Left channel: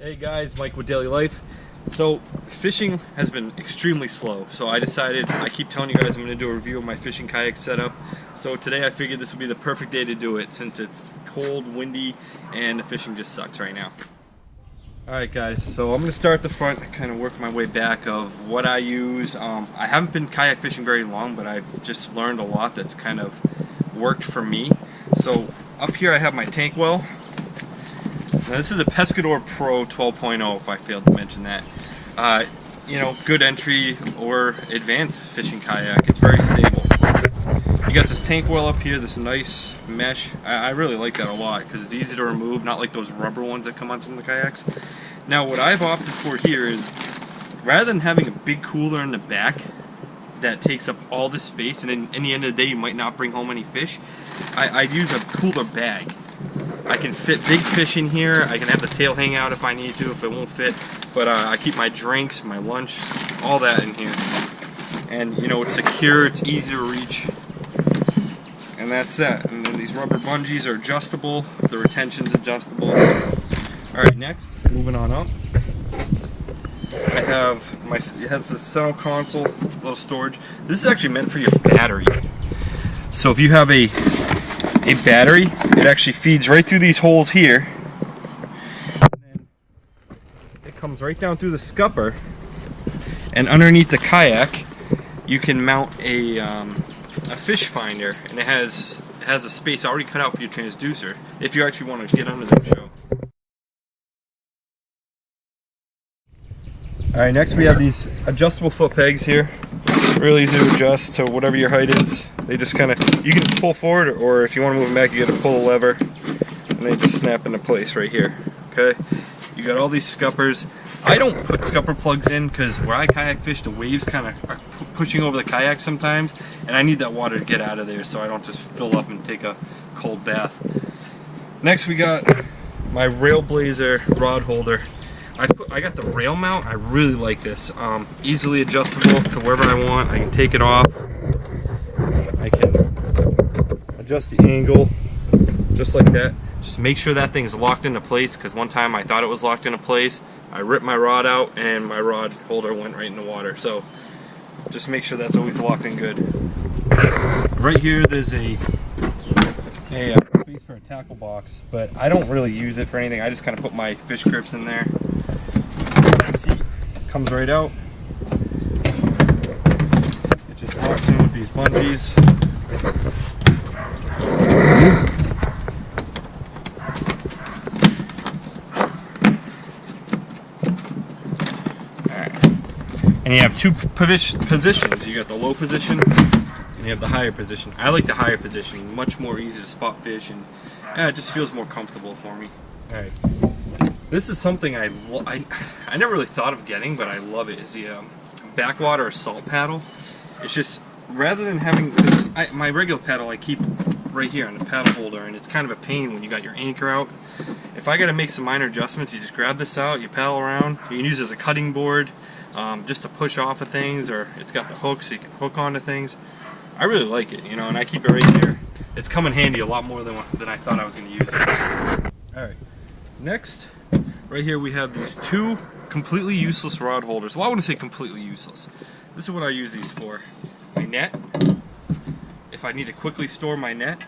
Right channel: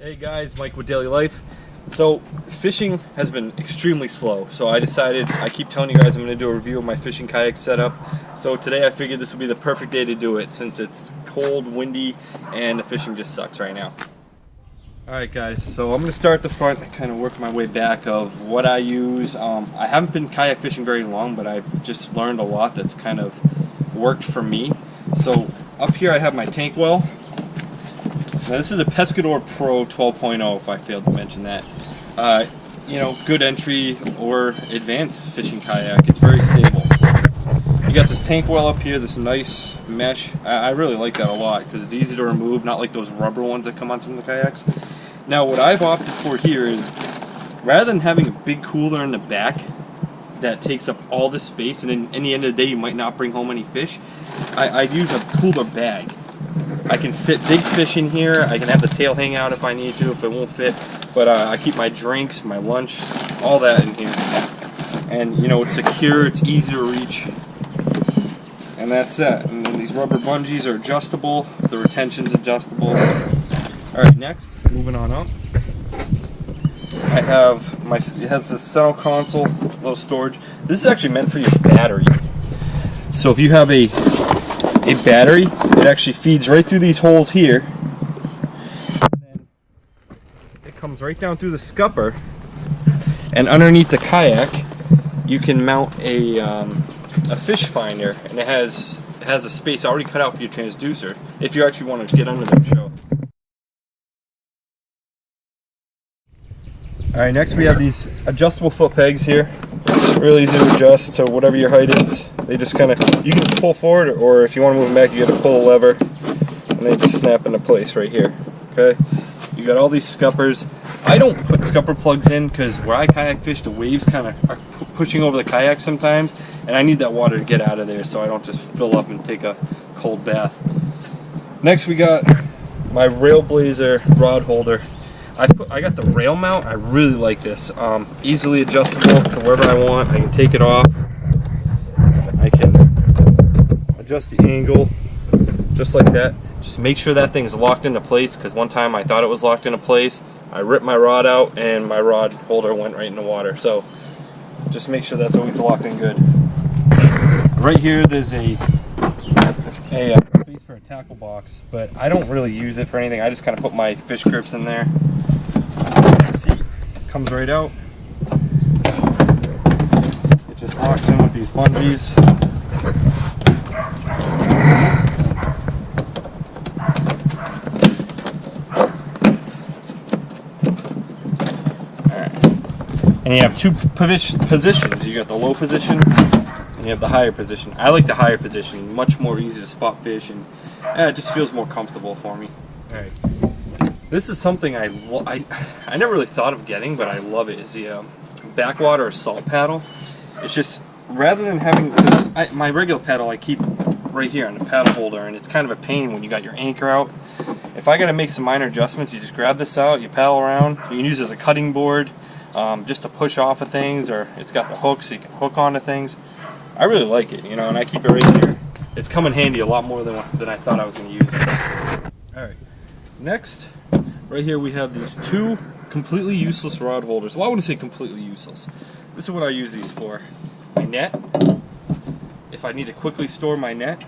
Hey guys, Mike with Daily Life. So fishing has been extremely slow, so I decided, I keep telling you guys I'm going to do a review of my fishing kayak setup. So today I figured this would be the perfect day to do it since it's cold, windy, and the fishing just sucks right now. Alright guys, so I'm going to start at the front and kind of work my way back of what I use. I haven't been kayak fishing very long, but I've just learned a lot that's kind of worked for me. So up here I have my tank well. Now this is the Pescador Pro 12.0, if I failed to mention that. You know, good entry or advanced fishing kayak. It's very stable. You got this tank well up here, this nice mesh. I really like that a lot because it's easy to remove, not like those rubber ones that come on some of the kayaks. Now what I've opted for here is, rather than having a big cooler in the back that takes up all the space and in the end of the day you might not bring home any fish, I'd use a cooler bag. I can fit big fish in here. I can have the tail hang out if I need to, if it won't fit. But I keep my drinks, my lunch, all that in here. And you know, it's secure, it's easy to reach. And that's that. And then these rubber bungees are adjustable. The retention's adjustable. Alright, next, moving on up. I have my, it has this center console, little storage. This is actually meant for your battery. So if you have a battery, it actually feeds right through these holes here, and then it comes right down through the scupper, and underneath the kayak you can mount a fish finder, and it has a space already cut out for your transducer if you actually want to get under the show. Alright, next we have these adjustable foot pegs here. Really easy to adjust to whatever your height is. They just kind of, you can pull forward, or if you want to move them back, you got to pull a lever, and they just snap into place right here. Okay, you got all these scuppers. I don't put scupper plugs in because where I kayak fish, the waves kind of are pushing over the kayak sometimes, and I need that water to get out of there so I don't just fill up and take a cold bath. Next we got my Railblaza rod holder. I got the rail mount. I really like this. Easily adjustable to wherever I want. I can take it off. I can adjust the angle just like that. Just make sure that thing is locked into place, because one time I thought it was locked into place. I ripped my rod out and my rod holder went right in the water. So just make sure that's always locked in good. Right here there's a space for a tackle box, but I don't really use it for anything. I just kind of put my fish grips in there. See, it comes right out. It just locks in with these bungees. Alright. And you have two positions. You got the low position and you have the higher position. I like the higher position, much more easy to spot fish, and it just feels more comfortable for me. Alright. This is something I never really thought of getting, but I love it, is the Backwater salt paddle. It's just, rather than having, my regular paddle I keep right here on the paddle holder, and it's kind of a pain when you got your anchor out. If I got to make some minor adjustments, you just grab this out, you paddle around. You can use it as a cutting board, just to push off of things, or it's got the hook so you can hook onto things. I really like it, you know, and I keep it right here. It's come in handy a lot more than I thought I was going to use. Alright, next, right here we have these two completely useless rod holders. Well, I wouldn't say completely useless. This is what I use these for. My net, if I need to quickly store my net,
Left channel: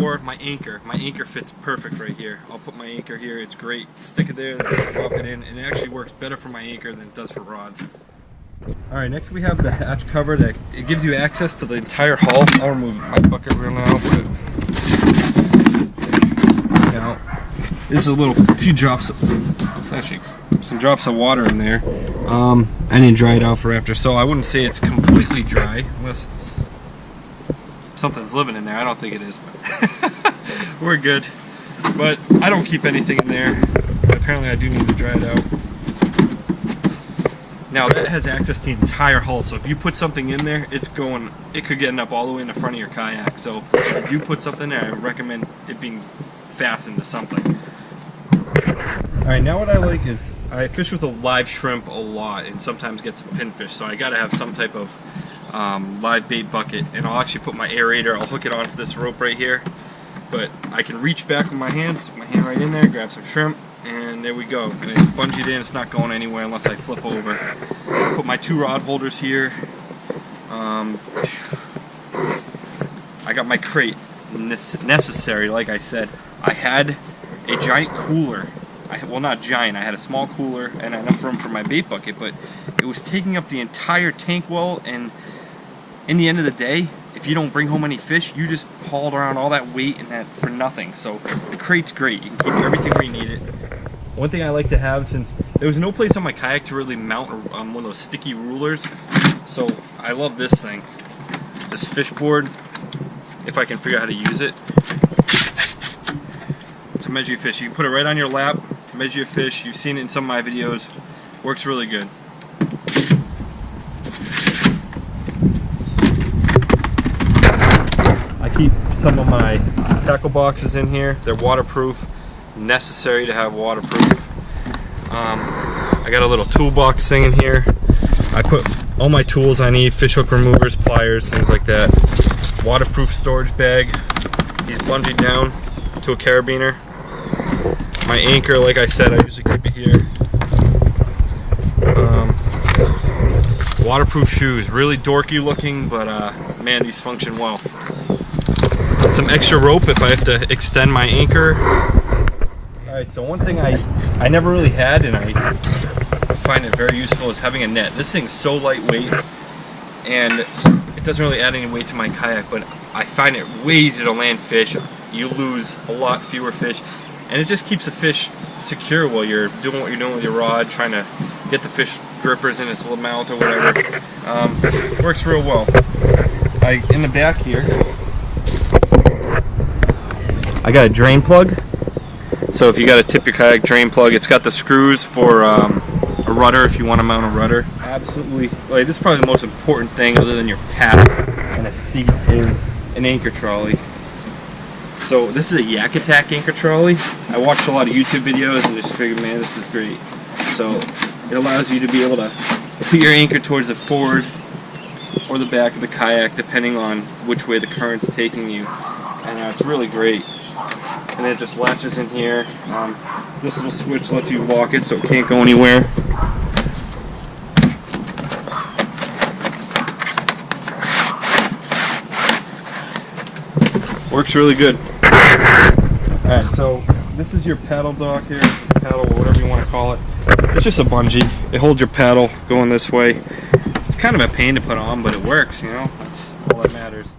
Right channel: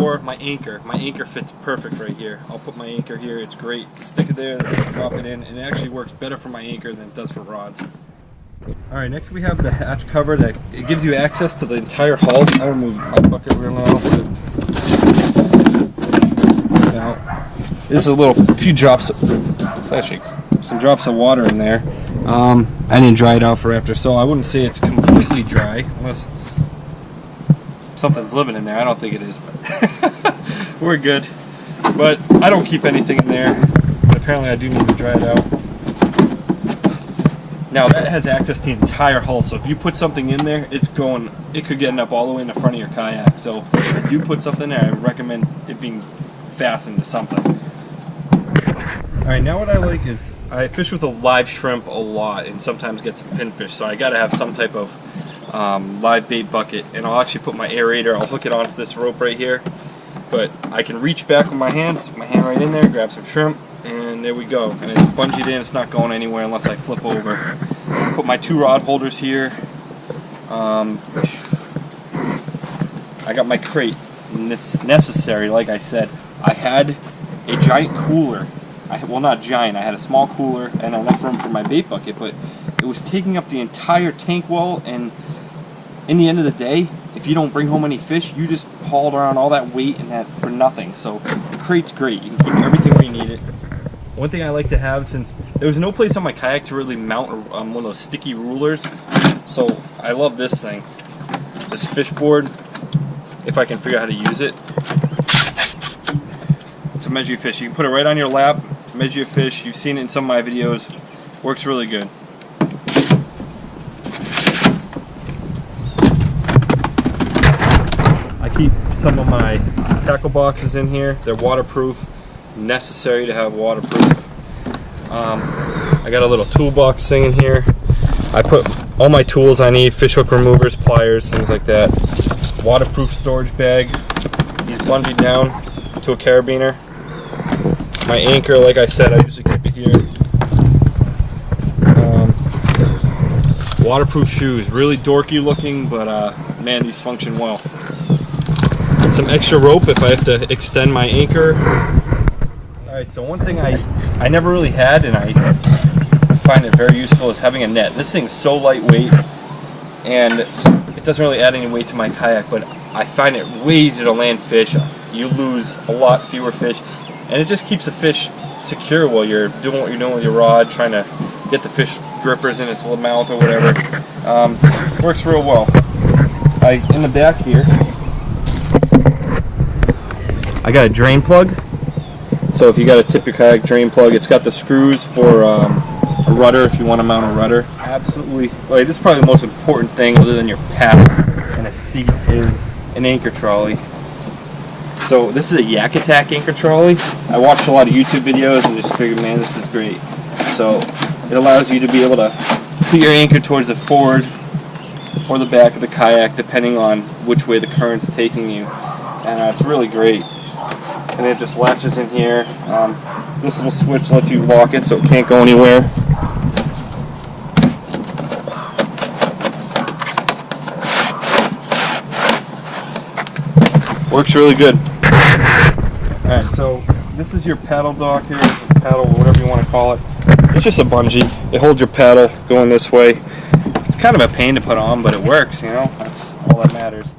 or my anchor. My anchor fits perfect right here. I'll put my anchor here, it's great. Stick it there, then drop it in, and it actually works better for my anchor than it does for rods. Alright, next we have the hatch cover that it gives you access to the entire hull. I'll remove my bucket real now. Now, this is a few drops, actually some drops of water in there. I didn't dry it out for after, so I wouldn't say it's completely dry, unless something's living in there. I don't think it is, but we're good. But I don't keep anything in there. but apparently I do need to dry it out. Now that has access to the entire hull, so if you put something in there, it could get up all the way in the front of your kayak. So if you put something there, I recommend it being fastened to something. Alright, now what I like is, I fish with a live shrimp a lot and sometimes get some pinfish, so I gotta have some type of live bait bucket, and I'll actually put my aerator, I'll hook it onto this rope right here, but I can reach back with my hand, stick my hand right in there, grab some shrimp, and there we go. And it's bungeed in, it's not going anywhere unless I flip over. Put my 2 rod holders here. I got my crate necessary, like I said. I had a giant cooler. Well, not giant, I had a small cooler and enough room for my bait bucket, but it was taking up the entire tank wall, and in the end of the day, if you don't bring home any fish, you just hauled around all that weight and that for nothing. So the crate's great. You can keep everything where you need it. One thing I like to have, since there was no place on my kayak to really mount one of those sticky rulers, so I love this thing, this fish board, if I can figure out how to use it, to measure your fish. You can put it right on your lap, measure your fish. You've seen it in some of my videos. Works really good. I keep some of my tackle boxes in here. They're waterproof. Necessary to have waterproof. I got a little toolbox thing in here. I put all my tools I need, fish hook removers, pliers, things like that. Waterproof storage bag. He's bungeed down to a carabiner. My anchor, like I said, I usually keep it here. Waterproof shoes, really dorky looking, but man, these function well. Some extra rope if I have to extend my anchor. Alright, so one thing I never really had, and I find it very useful, is having a net. This thing's so lightweight, and it doesn't really add any weight to my kayak, but I find it way easier to land fish. You lose a lot fewer fish, and it just keeps the fish secure while you're doing what you're doing with your rod, trying to get the fish grippers in its mouth or whatever. Works real well. In the back here, I got a drain plug. So if you got a tip your kayak drain plug, it's got the screws for a rudder if you want to mount a rudder. Absolutely, like, this is probably the most important thing other than your paddle and a seat is an anchor trolley. So this is a Yak Attack anchor trolley. I watched a lot of YouTube videos and just figured, man, this is great. So it allows you to be able to put your anchor towards the forward or the back of the kayak depending on which way the current's taking you, and it's really great. And it just latches in here. This little switch lets you lock it so it can't go anywhere. Works really good. Alright, so this is your paddle dock here, paddle, whatever you want to call it. It's just a bungee. It holds your paddle going this way. It's kind of a pain to put on, but it works, you know, that's all that matters.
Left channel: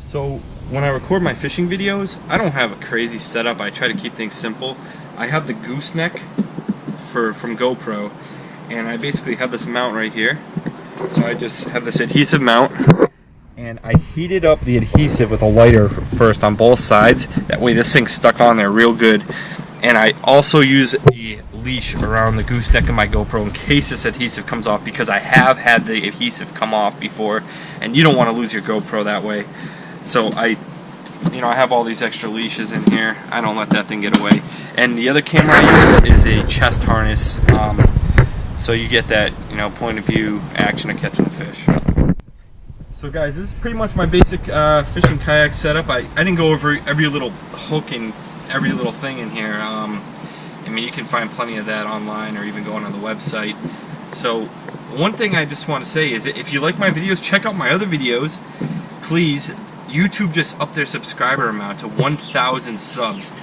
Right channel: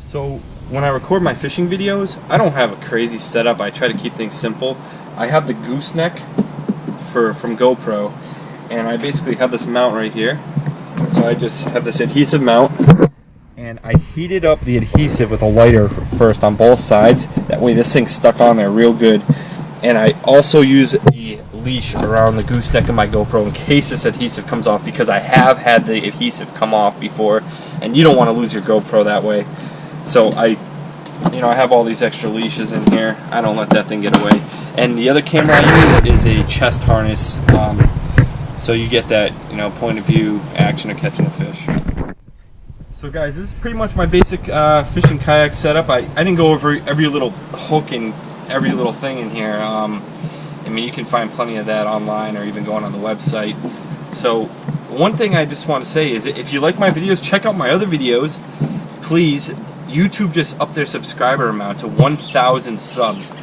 So when I record my fishing videos, I don't have a crazy setup. I try to keep things simple. I have the gooseneck from Gopro, and I basically have this mount right here. So I just have this adhesive mount, and I heated up the adhesive with a lighter first on both sides. That way this thing's stuck on there real good. And I also use a leash around the gooseneck of my GoPro in case this adhesive comes off, because I have had the adhesive come off before, and you don't want to lose your GoPro that way. So I have all these extra leashes in here. I don't let that thing get away. And the other camera I use is a chest harness, so you get that, point of view action of catching a fish. So guys, this is pretty much my basic fishing kayak setup. I didn't go over every little hook and every little thing in here. I mean, you can find plenty of that online or even going on the website. So one thing I just want to say is, if you like my videos, check out my other videos. Please, YouTube just upped their subscriber amount to 1,000 subs.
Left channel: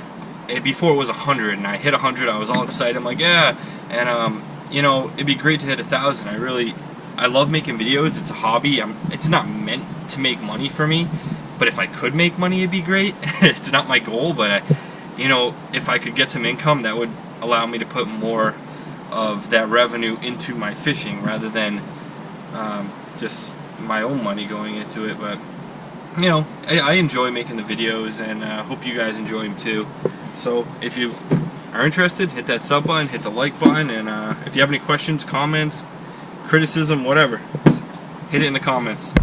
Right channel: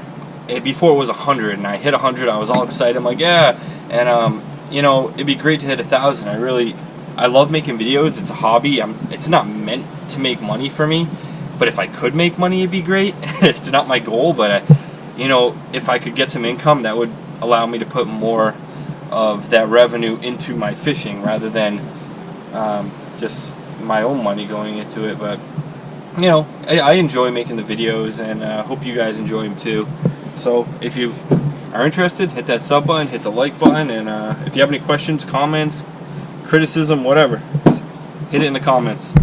And before it was 100, and I hit 100, I was all excited. I'm like, yeah, and it'd be great to hit 1,000. I love making videos. It's a hobby. It's not meant to make money for me, but if I could make money, it'd be great. It's not my goal, but if I could get some income, that would allow me to put more of that revenue into my fishing rather than just my own money going into it. But I enjoy making the videos, and hope you guys enjoy them too. So if you are interested, hit that sub button, hit the like button, and if you have any questions, comments, criticism, whatever, hit it in the comments.